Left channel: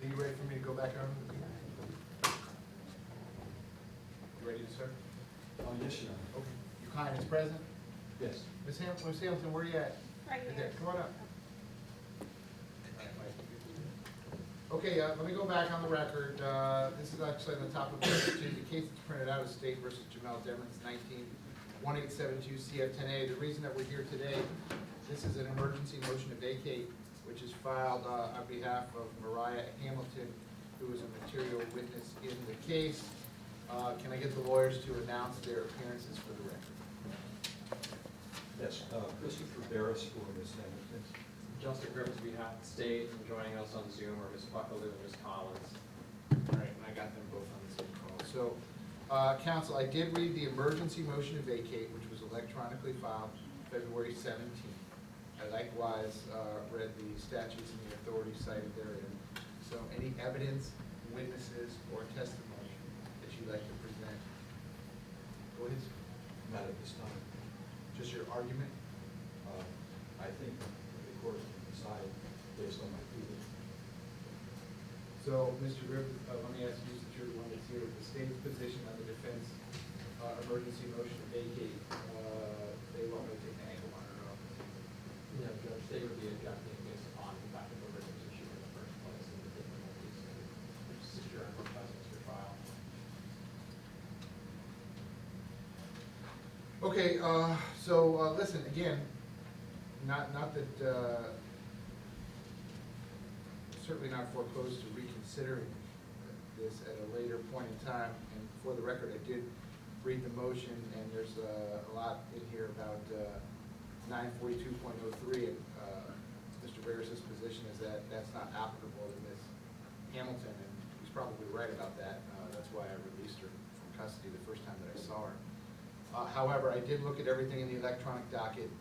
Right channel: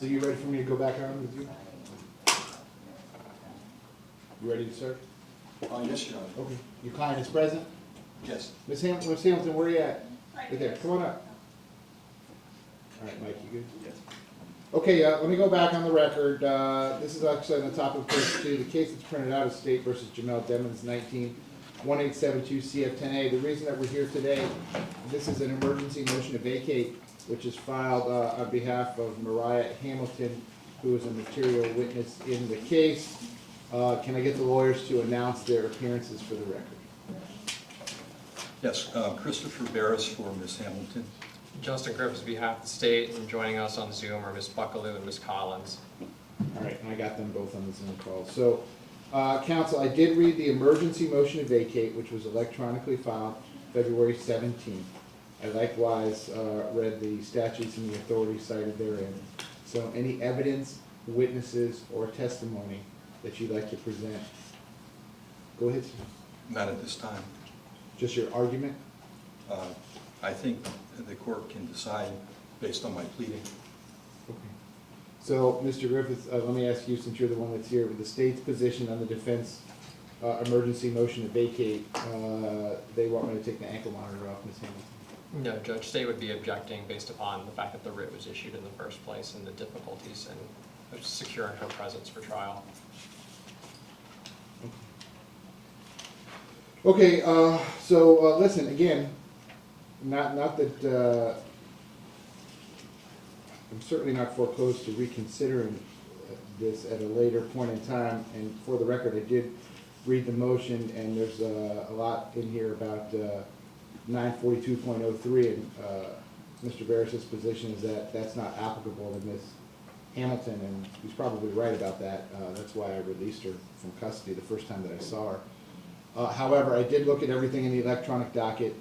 So you ready for me to go back on with you? You ready, sir? Yes, Your Honor. Okay. Your client is present? Yes. Miss Hamilton, where are you at? Right there, come on up. All right, Mike, you good? Okay, let me go back on the record. This is actually on the top of page 2. The case that's printed out is State versus Jamel Devins, 19-1872 CF10A. The reason that we're here today, this is an emergency motion to vacate, which is filed on behalf of Mariah Hamilton, who is a material witness in the case. Can I get the lawyers to announce their appearances for the record? Yes, Christopher Perez for Ms. Hamilton. Justin Griffiths, behalf of the state, and joining us on Zoom are Ms. Buckaloo and Ms. Collins. All right, I got them both on the Zoom call. So, counsel, I did read the emergency motion to vacate, which was electronically filed February 17th. I likewise read the statutes and the authority cited therein. So any evidence, witnesses, or testimony that you'd like to present? Go ahead. Not at this time. Just your argument? I think the court can decide based on my pleading. Okay. So, Mr. Griffiths, let me ask you, since you're the one that's here, with the state's position on the defense emergency motion to vacate, they want me to take the ankle monitor off, Ms. Hamilton. No, Judge, state would be objecting based upon the fact that the writ was issued in the first place and the difficulties in securing her presence for trial. Okay, so listen, again, not that, I'm certainly not foreclosed to reconsidering this at a later point in time, and for the record, I did read the motion, and there's a lot in here about 942.03, and Mr. Veris's position is that that's not applicable to Ms. Hamilton, and he's probably right about that. That's why I released her from custody the first time that I saw her. However, I did look at everything in the electronic docket.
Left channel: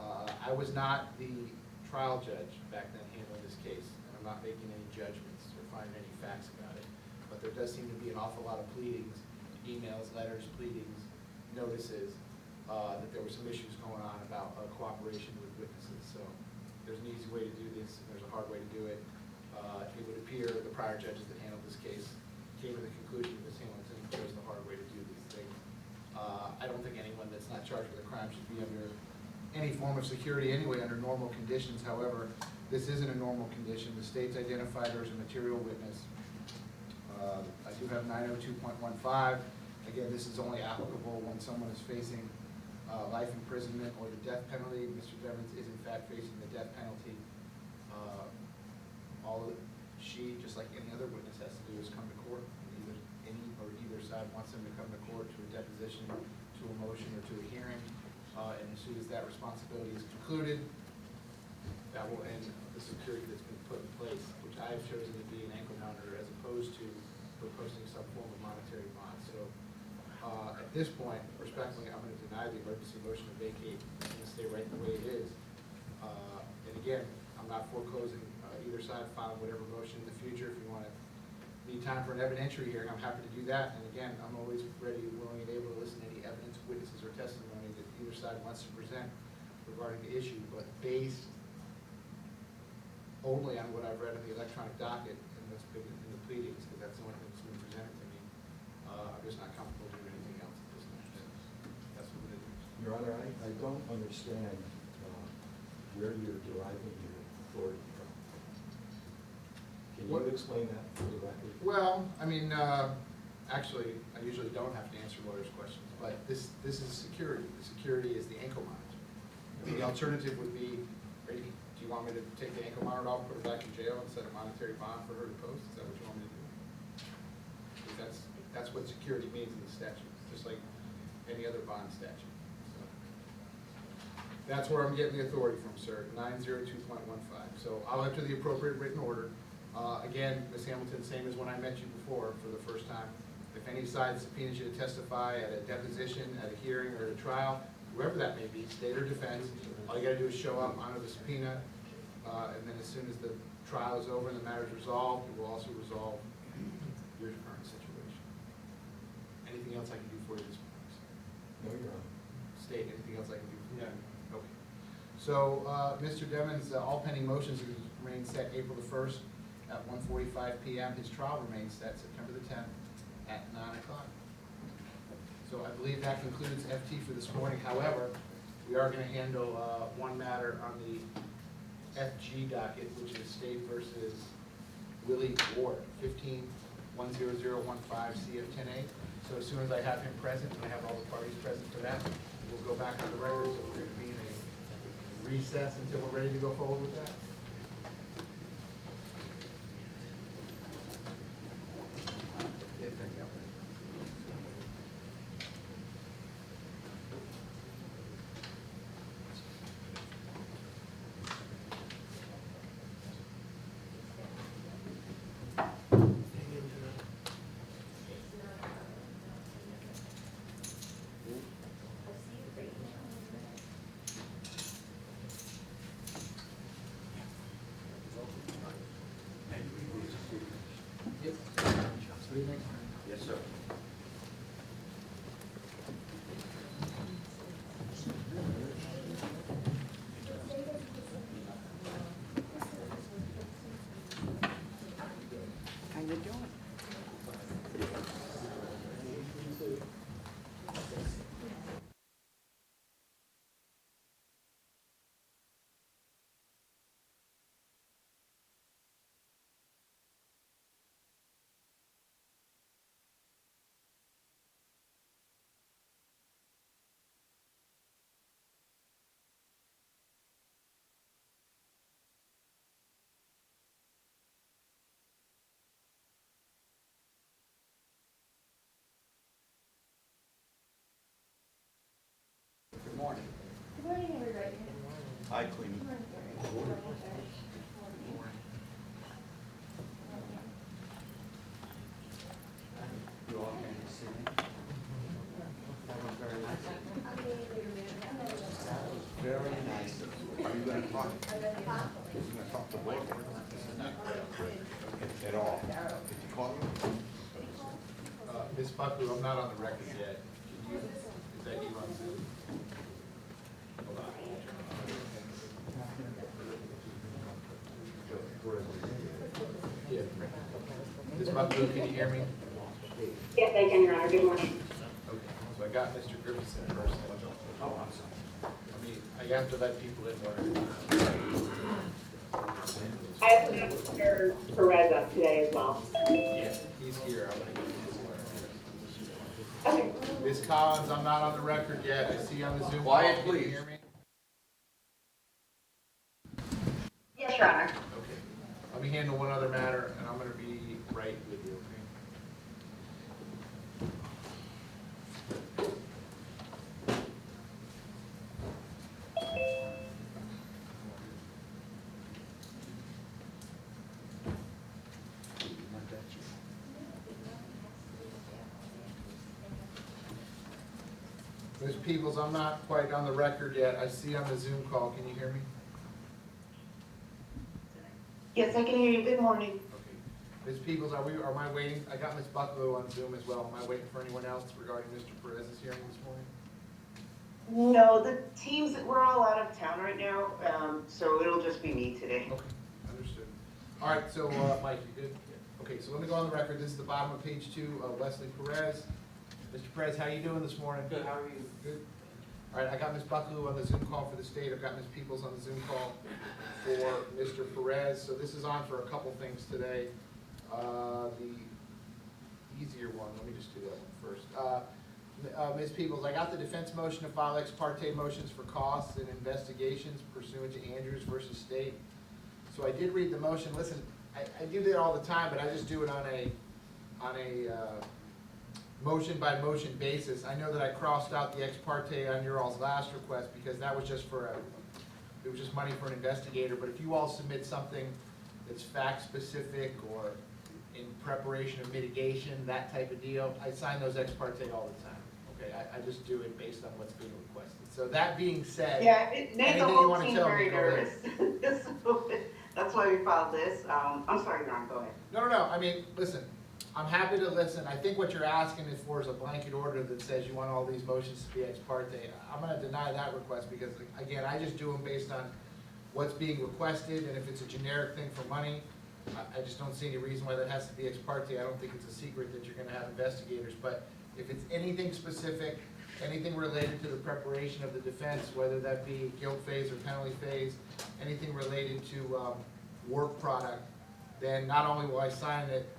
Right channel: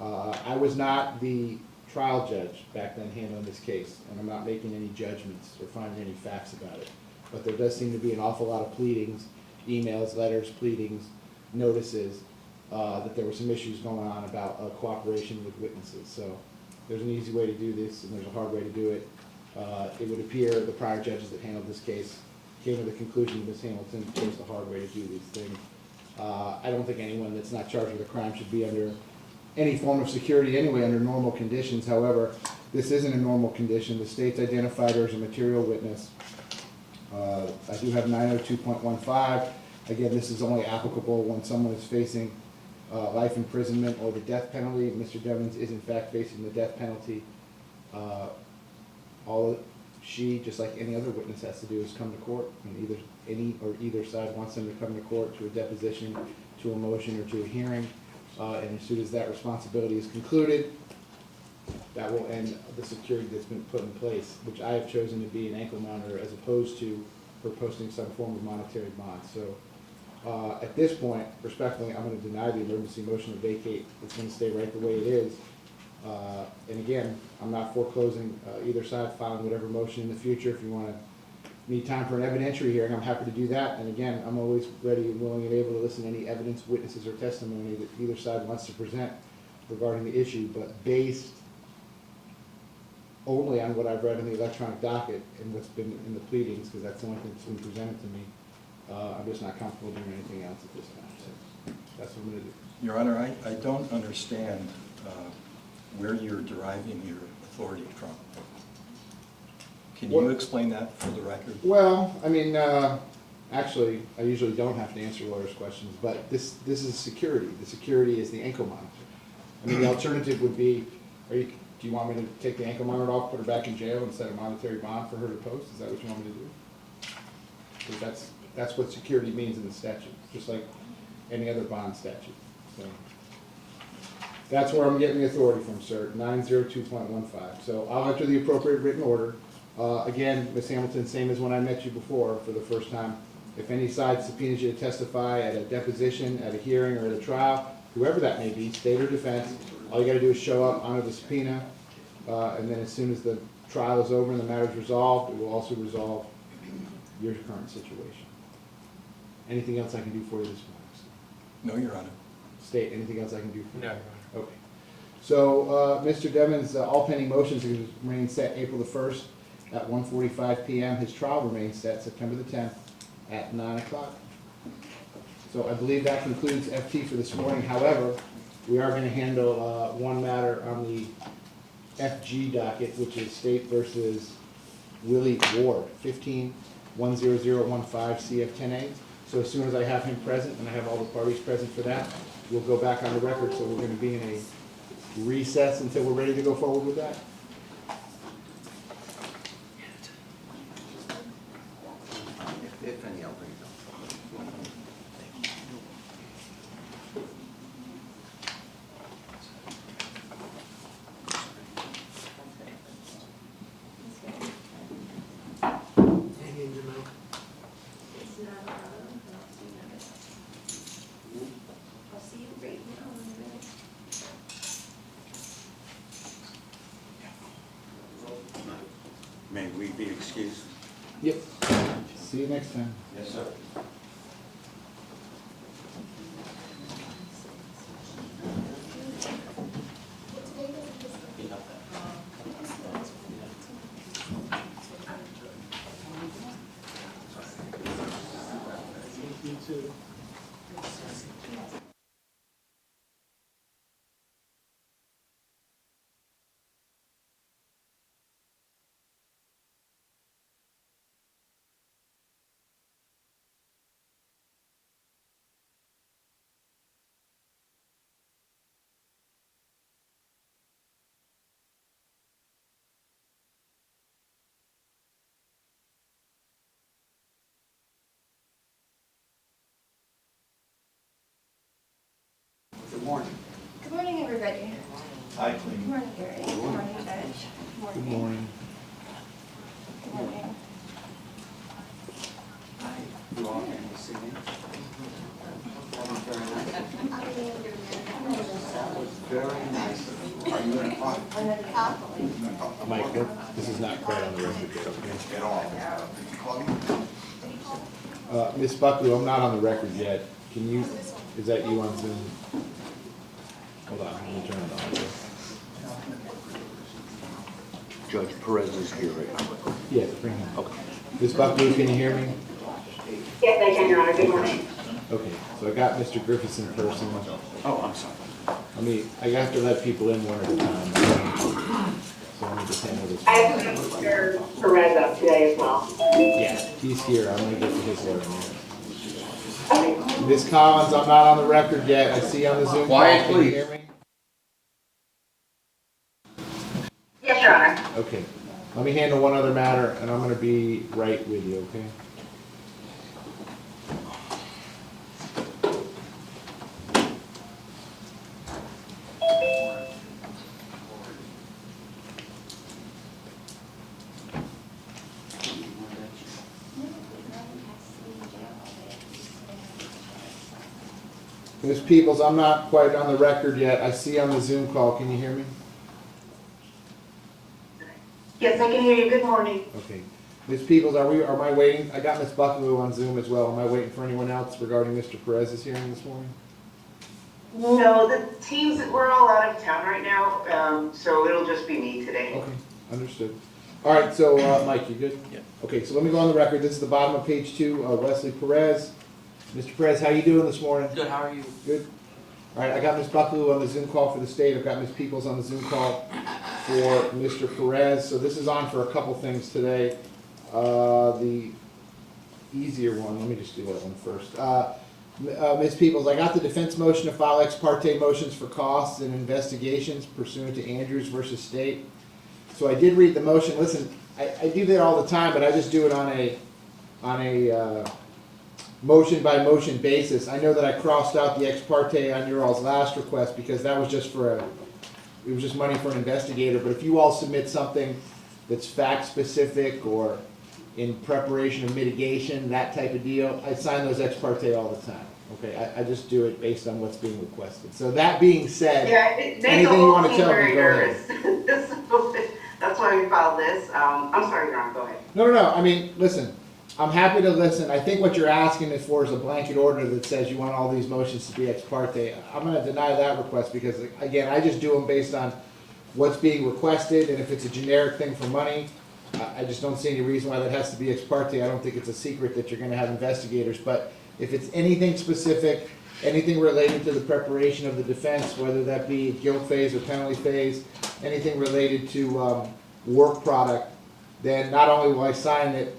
I was not the trial judge back then handling this case, and I'm not making any judgments or finding any facts about it. But there does seem to be an awful lot of pleadings, emails, letters, pleadings, notices, that there were some issues going on about cooperation with witnesses. So there's an easy way to do this, and there's a hard way to do it. It would appear the prior judges that handled this case came to the conclusion Ms. Hamilton chose the hard way to do these things. I don't think anyone that's not charged with a crime should be under any form of security anyway under normal conditions. However, this isn't a normal condition. The state's identified her as a material witness. I do have 902.15. Again, this is only applicable when someone is facing life imprisonment or the death penalty. Mr. Devins is in fact facing the death penalty. All she, just like any other witness, has to do is come to court, and either side wants them to come to court to a deposition, to a motion, or to a hearing. And as soon as that responsibility is concluded, that will end the security that's been put in place, which I have chosen to be an ankle monitor as opposed to her posting some form of monetary bond. So at this point, respectfully, I'm going to deny the emergency motion to vacate. It's going to stay right the way it is. And again, I'm not foreclosing either side filing whatever motion in the future. If you want to need time for an evidentiary hearing, I'm happy to do that. And again, I'm always ready, willing, and able to listen to any evidence, witnesses, or testimony that either side wants to present regarding the issue, but based only on what I've read in the electronic docket and what's been in the pleadings, because that's the only thing that's been presented to me. I'm just not comfortable doing anything else at this time. So that's what I'm going to do. Your Honor, I don't understand where you're deriving your authority from. Can you explain that for the record? Well, I mean, actually, I usually don't have to answer lawyers' questions, but this is security. The security is the ankle monitor. I mean, the alternative would be, do you want me to take the ankle monitor off, put her back in jail, and set a monetary bond for her to post? Is that what you want me to do? Because that's what security means in the statute, just like any other bond statute. So that's where I'm getting the authority from, sir, 902.15. So I'll enter the appropriate written order. Again, Ms. Hamilton, same as when I met you before for the first time. If any side subpoenas you to testify at a deposition, at a hearing, or at a trial, whoever that may be, state or defense, all you gotta do is show up, honor the subpoena, and then as soon as the trial is over and the matter is resolved, it will also resolve your current situation. Anything else I can do for you this morning? No, Your Honor. State, anything else I can do for you? No. Okay. So, Mr. Devins, all pending motions remain set April the 1st at 1:45 PM. His trial remains set September the 10th at 9 o'clock. So I believe that concludes FT for this morning. However, we are going to handle one matter on the FG docket, which is State versus Willie Ward, 15-10015 CF10A. So as soon as I have him present, and I have all the parties present for that, we'll go back on the record. So we're going to be in a recess until we're ready to go forward with that. May we be excused? Yep. See you next time. Good morning. Good morning, everybody. Hi. Good morning, Gary. Good morning, Judge. Good morning. Good morning. You all came to see me? Very nice. Are you in a hot? Mike, this is not quite on the record yet, okay? Ms. Buckley, I'm not on the record yet. Can you, is that you on Zoom? Hold on, let me turn it on. Judge Perez is here right now. Yes, bring him. Okay. Ms. Buckley, can you hear me? Yes, I can, Your Honor. Good morning. Okay, so I got Mr. Griffiths in person. Oh, I'm sorry. I have to let people in one at a time. So I need to handle this. I have Mr. Perez up today as well. Yeah, he's here. I'm gonna get to his lawyer. Okay. Ms. Collins, I'm not on the record yet. I see you on the Zoom. Quiet, Can you please. hear me? Yes, Your Honor. Okay. Let me handle one other matter, and I'm gonna be right with you, okay? Ms. Peoples, I'm not quite on the record yet. I see you on the Zoom call. Can you hear me? Yes, I can hear you. Good morning. Okay. Ms. Peoples, am I waiting? I got Ms. Bucklow on Zoom as well. Am I waiting for anyone else regarding Mr. Perez's hearing this morning? No, the teams, we're all out of town right now, so it'll just be me today. Okay, understood. All right, so, Mike, you good? Yeah. Okay, so let me go on the record. This is the bottom of page 2, Wesley Perez. Mr. Perez, how you doing this morning? Good, how are you? Good. All right, I got Ms. Bucklew on the Zoom call for the state. I've got Ms. Peoples on the Zoom call for Mr. Perez. So this is on for a couple things today. The easier one, let me just do that one first. Ms. Peoples, I got the defense motion to file ex parte motions for costs and investigations pursuant to Andrews versus State. So I did read the motion. Listen, I do that all the time, but I just do it on a motion by motion basis. I know that I crossed out the ex parte on your all's last request because that was just it was just money for an investigator. But if you all submit something that's fact specific or in preparation of mitigation, that type of deal, I sign those ex parte all the time. Okay, I just do it based on what's being requested. So that being said, anything you want to tell me, go ahead. That's why we filed this. I'm sorry, Ron, go ahead. No, I mean, listen, I'm happy to listen. I think what you're asking is for is a blanket order that says you want all these motions to be ex parte. I'm gonna deny that request because, again, I just do them based on what's being requested, and if it's a generic thing for money, I just don't see any reason why that has to be ex parte. I don't think it's a secret that you're gonna have investigators, but if it's anything specific, anything related to the preparation of the defense, whether that be guilt phase or penalty phase, anything related to work product, then not only will I sign it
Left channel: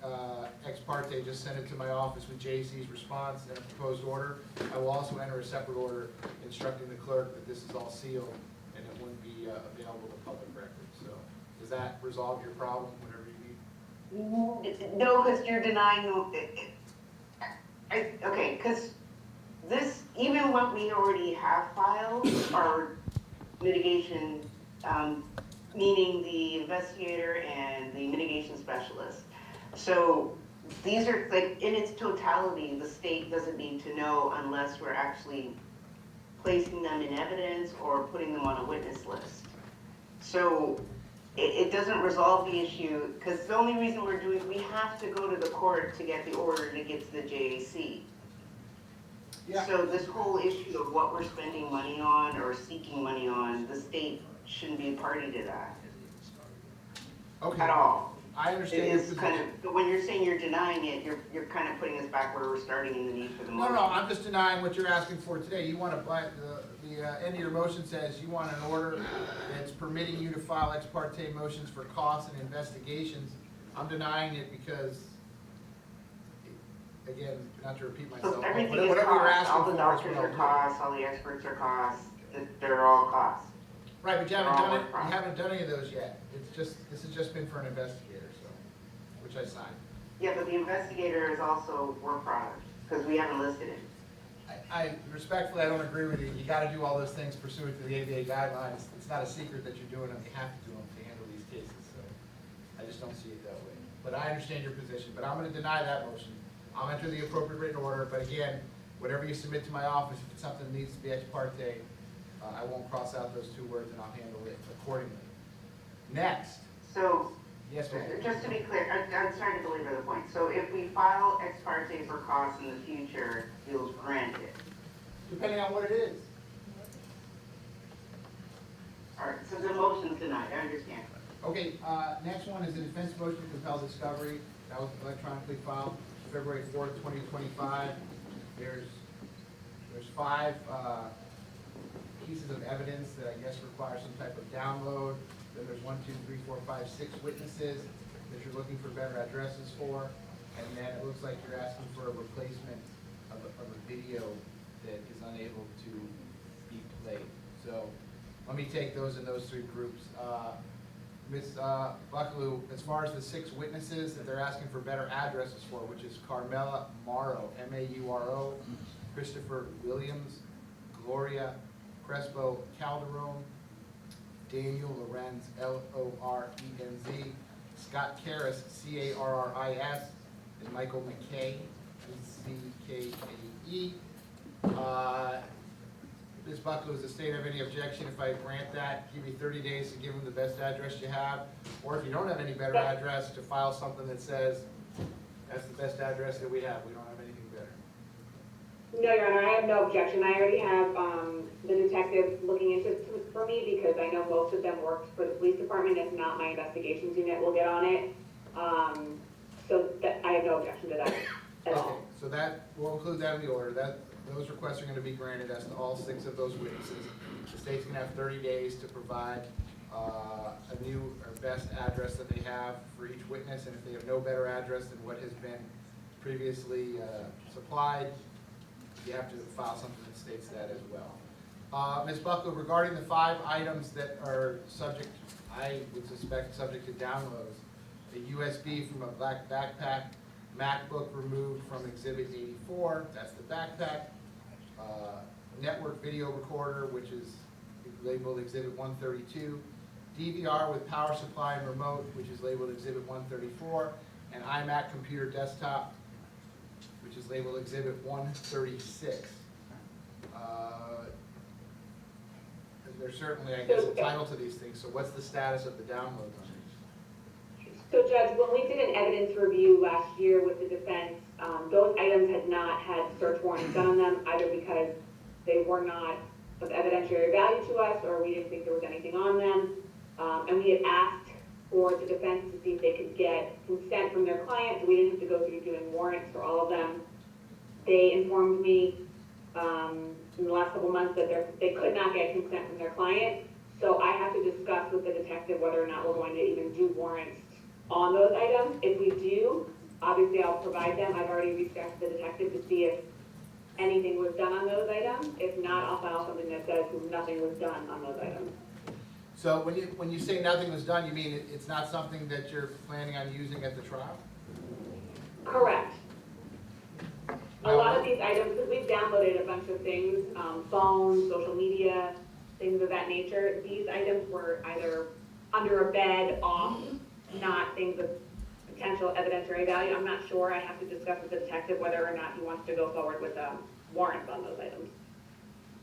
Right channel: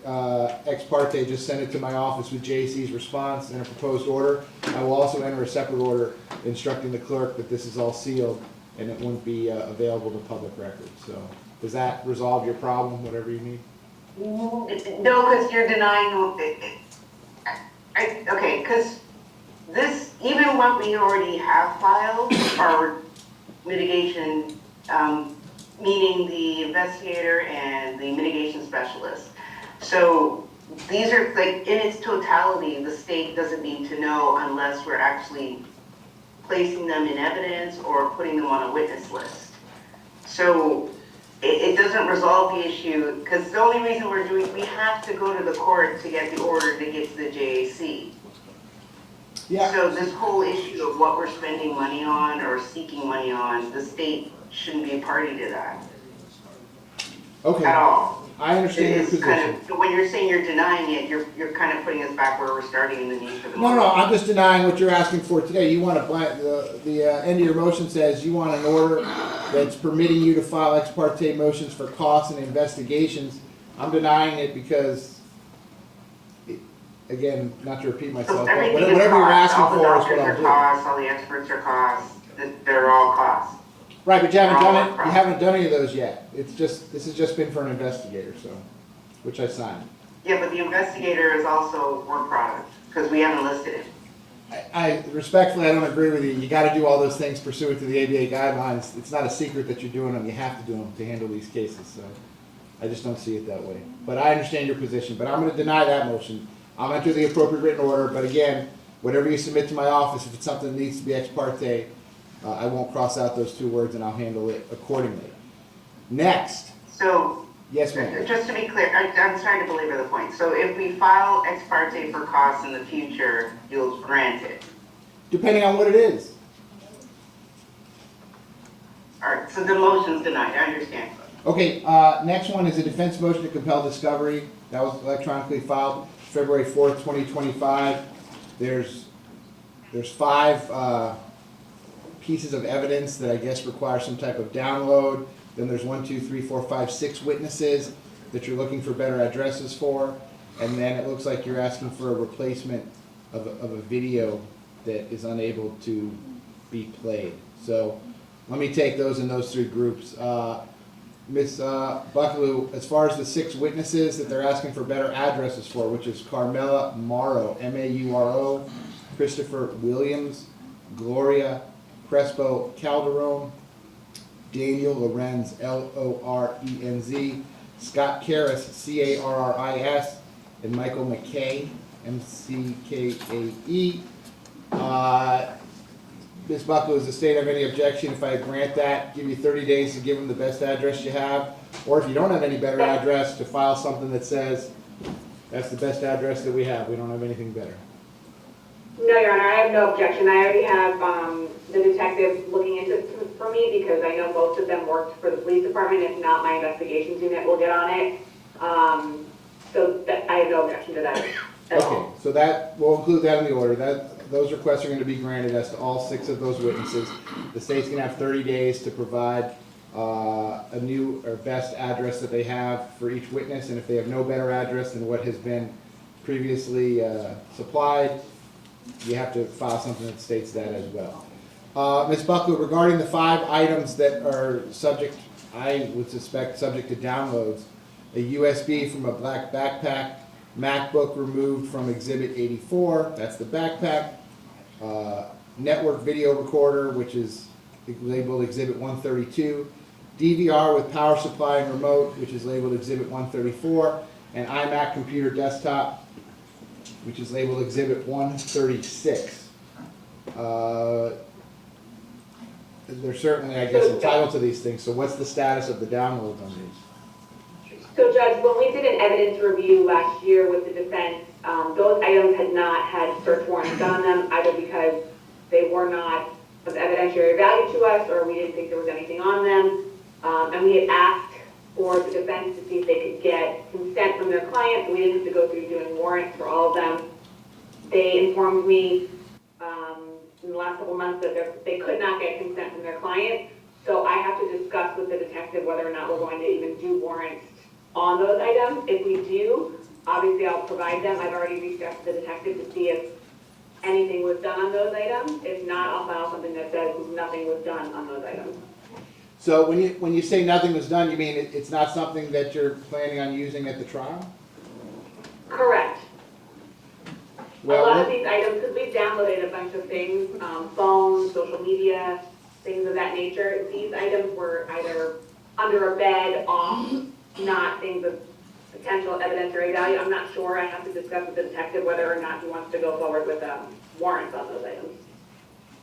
ex parte, just send it to my office with JC's response and a proposed order, I will also enter a separate order instructing the clerk that this is all sealed and it won't be available to public record. So does that resolve your problem, whatever you need? No, because you're denying, okay, because this, even what we already have filed, are mitigation, meaning the investigator and the mitigation specialist. So these are, like, in its totality, the state doesn't need to know unless we're actually placing them in evidence or putting them on a witness list. So it doesn't resolve the issue, because the only reason we're doing, we have to go to the court to get the order to get to the JAC. Yeah. So this whole issue of what we're spending money on or seeking money on, the state shouldn't be a party to that Okay, at all. I understand your It's kind position. of, when you're saying you're denying it, you're kind of putting us back where we're starting in the need for the No, I'm just denying what you're asking for today. You want to, the end of your motion says you want an order that's permitting you to file ex parte motions for costs and investigations. I'm denying it because, again, not to repeat myself, but Everything whatever is you're cost, asking all the for is doctors what are I'll do. costs, all the experts are costs, they're all costs. Right, but you haven't done it, you haven't done any of those yet. It's just, this has just been for an investigator, so, which I signed. Yeah, but the investigator is also work product, because we haven't listed it. I respectfully, I don't agree with you. You gotta do all those things pursuant to the ABA guidelines. It's not a secret that you're doing them. You have to do them to handle these cases, so I just don't see it that way. But I understand your position, but I'm gonna deny that motion. I'll enter the appropriate written order, but again, whatever you submit to my office, if it's something that needs to be ex parte, I won't cross out those two words and I'll handle it accordingly. Next. So, Yes, ma'am. just to be clear, I'm trying to belabor the point. So if we file ex parte for costs in the future, you'll grant it? Depending on what it is. All right, so the motion's denied, I understand. Okay, next one is a defense motion to compel discovery. That was electronically filed February 4th, 2025. There's 5 pieces of evidence that I guess require some type of download. Then there's 1, 2, 3, 4, 5, 6 witnesses that you're looking for better addresses for. And then it looks like you're asking for a replacement of a video that is unable to be played. So let me take those in those 3 groups. Ms. Buckaloo, as far as the 6 witnesses that they're asking for better addresses for, which is Carmela Mauro, M-A-U-R-O, Christopher Williams, Gloria Crespo Calderon, Daniel Lorenz, L-O-R-E-N-Z, Scott Karras, C-A-R-R-I-S, and Michael McKay, M-C-K-A-E. Ms. Buckaloo, does the state have any objection if I grant that? Give you 30 days to give them the best address you have, or if you don't have any better address, to file something that says, that's the best address that we have, we don't have anything better. No, Your Honor, I have no objection. I already have the detective looking into it for me because I know most of them worked for the police department. If not, my investigations unit will get on it. So I have no objection to that at Okay, all. so that, we'll include that in the order. Those requests are going to be granted as to all 6 of those witnesses. The state's going to have 30 days to provide a new or best address that they have for each witness, and if they have no better address than what has been previously supplied, you have to file something that states that as well. Ms. Buckaloo, regarding the 5 items that are subject, I would suspect subject to downloads, a USB from a black backpack, MacBook removed from Exhibit 84, that's the backpack, network video recorder, which is labeled Exhibit 132, DVR with power supply and remote, which is labeled Exhibit 134, and iMac computer desktop, which is labeled Exhibit 136. They're certainly, I guess, entitled to these things, so what's the status of the downloads on these? So Judge, when we did an evidence review last year with the defense, those items had not had search warrants on them, either because they were not of evidentiary value to us or we didn't think there was anything on them. And we had asked for the defense to see if they could clients, we didn't have to go through doing warrants for all of them. They informed me, in the last couple of months that they could not get consent from their client. So I have to discuss with the detective whether or not we're going to even do warrants on those items. If we do, obviously I'll provide them. I've already reached out to the detective to see if anything was done on those items. If not, I'll file something that says nothing was done on those items. So when you say nothing was done, you mean it's not something that you're planning on using at the trial? Correct. A Well, lot of these items, because we've downloaded a bunch of things, phones, social media, things of that nature, these items were either under a bed, off, not things of potential evidence or value. I'm not sure. I have to discuss with the detective whether or not he wants to go forward with warrants on those items,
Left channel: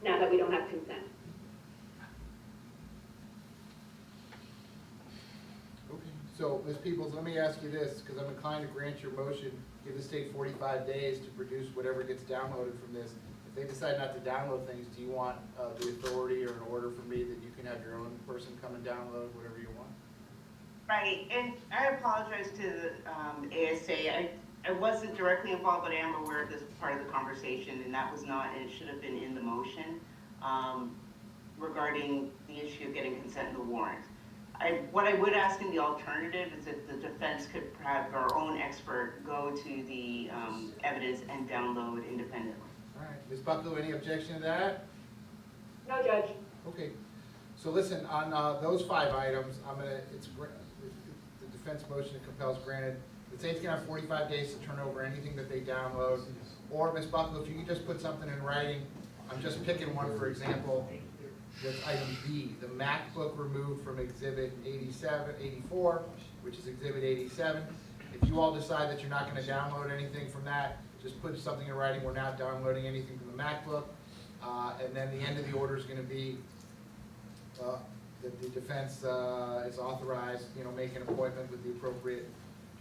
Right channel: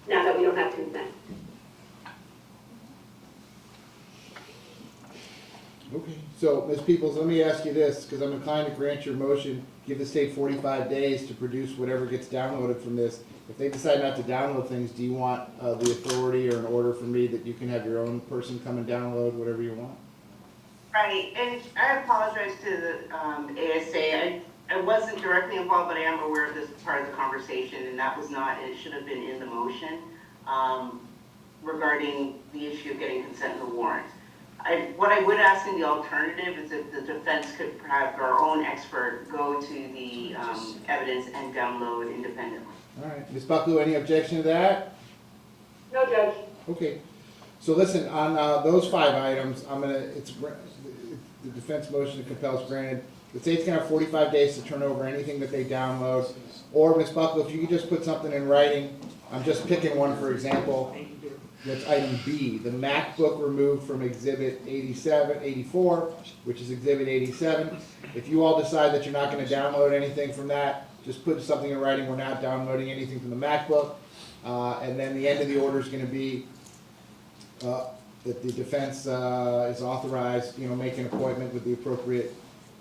now that we don't have consent. Okay, so, Ms. Peoples, let me ask you this, because I'm inclined to grant your motion, give the state 45 days to produce whatever gets downloaded from this. If they decide not to download things, do you want the authority or an order from me that you can have your own person come and download whatever you want? Right, and I apologize to the ASA. I wasn't directly involved, but I am aware of this part of the conversation, and that was not, it should have been in the motion, regarding the issue of getting consent to the warrant. What I would ask in the alternative is if the defense could have our own expert go to the evidence and download independently. All right, Ms. Buckley, any objection to that? No, Judge. Okay, so listen, on those 5 items, the defense motion compels granted. The state's gonna have 45 days to turn over anything that they download. Or, Ms. Buckley, if you could just put something in writing, I'm just picking one, for example, that's item B, the MacBook removed from exhibit 84, which is exhibit 87. If you all decide that you're not gonna download anything from that, just put something in writing, we're not downloading anything from the MacBook. And then the end of the order is gonna be, that the defense is authorized, make an appointment with the appropriate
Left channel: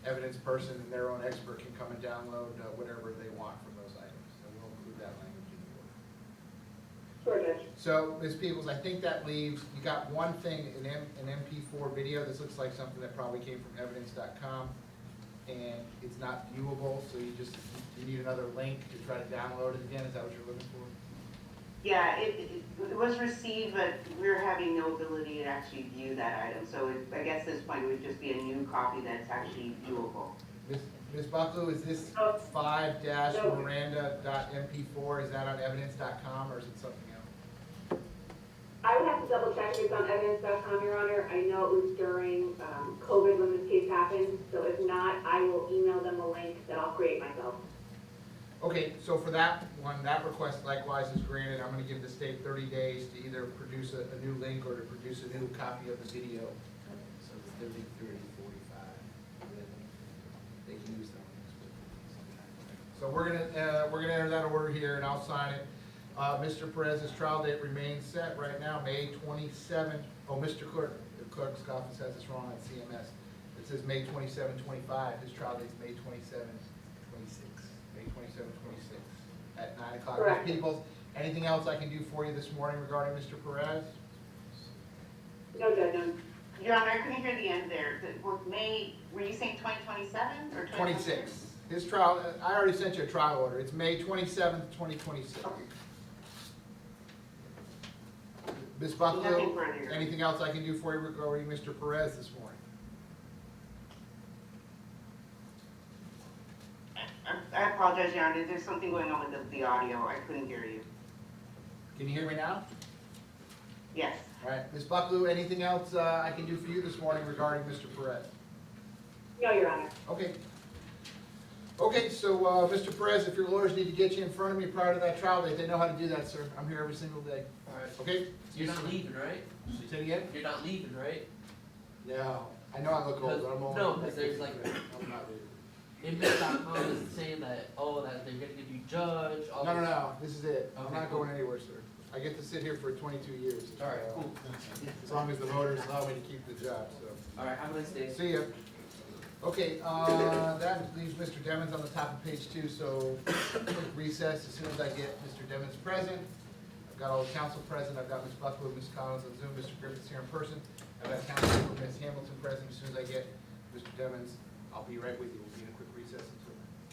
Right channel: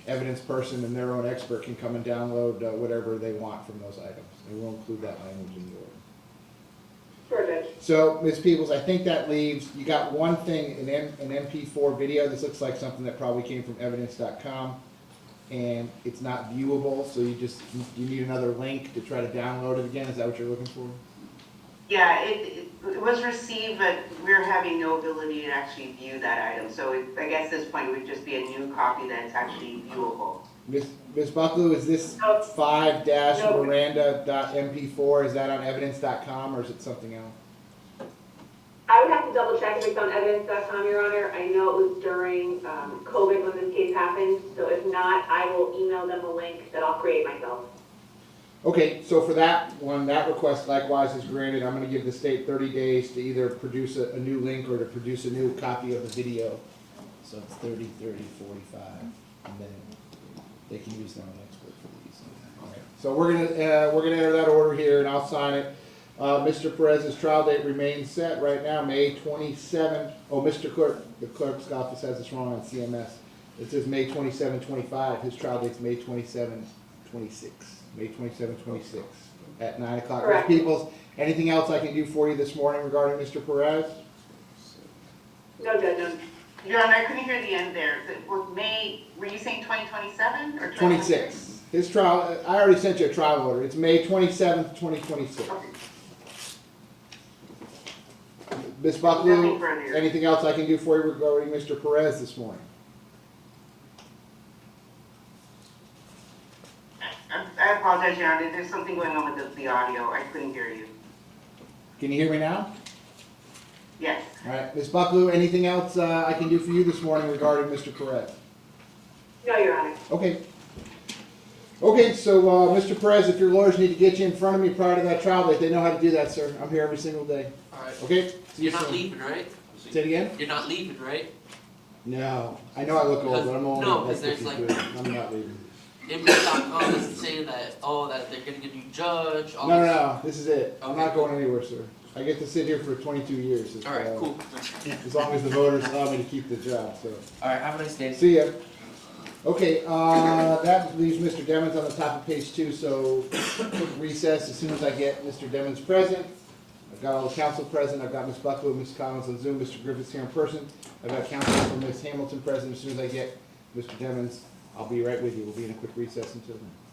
evidence person, and their own expert can come and download whatever they want from those items. And we'll include that language in the order. Sure, Judge. So, Ms. Peebles, I think that leaves, you got one thing, an MP4 video. This looks like something that probably came from evidence.com, and it's not viewable, so you need another link to try to download it again. Is that what you're looking for? Yeah, it was received, but we're having no ability to actually view that item. So I guess at this point, it would just be a new copy that's actually viewable. Ms. Bucklew, is this 5-Miranda.mp4, is that on evidence.com, or is it something else? I would have to double check if it's on evidence.com, Your Honor. I know it was during COVID when this case happened, so if not, I will email them a link that I'll create myself. Okay, so for that one, that request likewise is granted. I'm gonna give the state 30 days to either produce a new link or to produce a new copy of the video. So it's 30, 30, 45, and then they can use their own expert for these. All right. So we're gonna enter that order here, and I'll sign it. Mr. Perez's trial date remains set right now, May 27th. Oh, Mr. Clerk, the clerk's office has this wrong on CMS. It says May 27, 25. His trial date's May 27, 26. May 27, 26 at 9 o'clock. Correct. Peoples, anything else I can do for you this morning regarding Mr. Perez? No, Judge, no. John, I couldn't hear the end there. Were you saying 2027 or 26. His trial, I already sent you a trial order. It's May 27th, 2026. Ms. Buckley, anything else I can do for you regarding Mr. Perez this morning? I apologize, John. There's something going on with the audio. I couldn't hear you. Can you hear me now? Yes. All right, Ms. Buckley, anything else I can do for you this morning regarding Mr. Perez? No, Your Honor. Okay. Okay, so, Mr. Perez, if your lawyers need to get you in front of me prior to that trial date, they know how to do that, sir. I'm here every single day. All right. Okay? See you You're not soon. leaving, right? Say it again? You're not leaving, right? No. I know I look old, but I'm only. No, that's because just there's good. I'm not leaving. Impact.com is saying that, that they're gonna give you judge, all No, this. no, this is it. I'm not going anywhere, sir. I get to sit here for 22 years. All right, cool. As long as the voters allow me to keep the job, so. All right, have a nice day. See ya. Okay, that leaves Mr. Demmons on the top of page 2, so recess as soon as I get Mr. Demmons present. I've got all the council present. I've got Ms. Bucklew, Ms. Collins on Zoom, Mr. Griffiths here in person. I've got counsel for Ms. Hamilton present as soon as I get Mr. Demmons I'll be right with you. We'll be in a quick recess until then.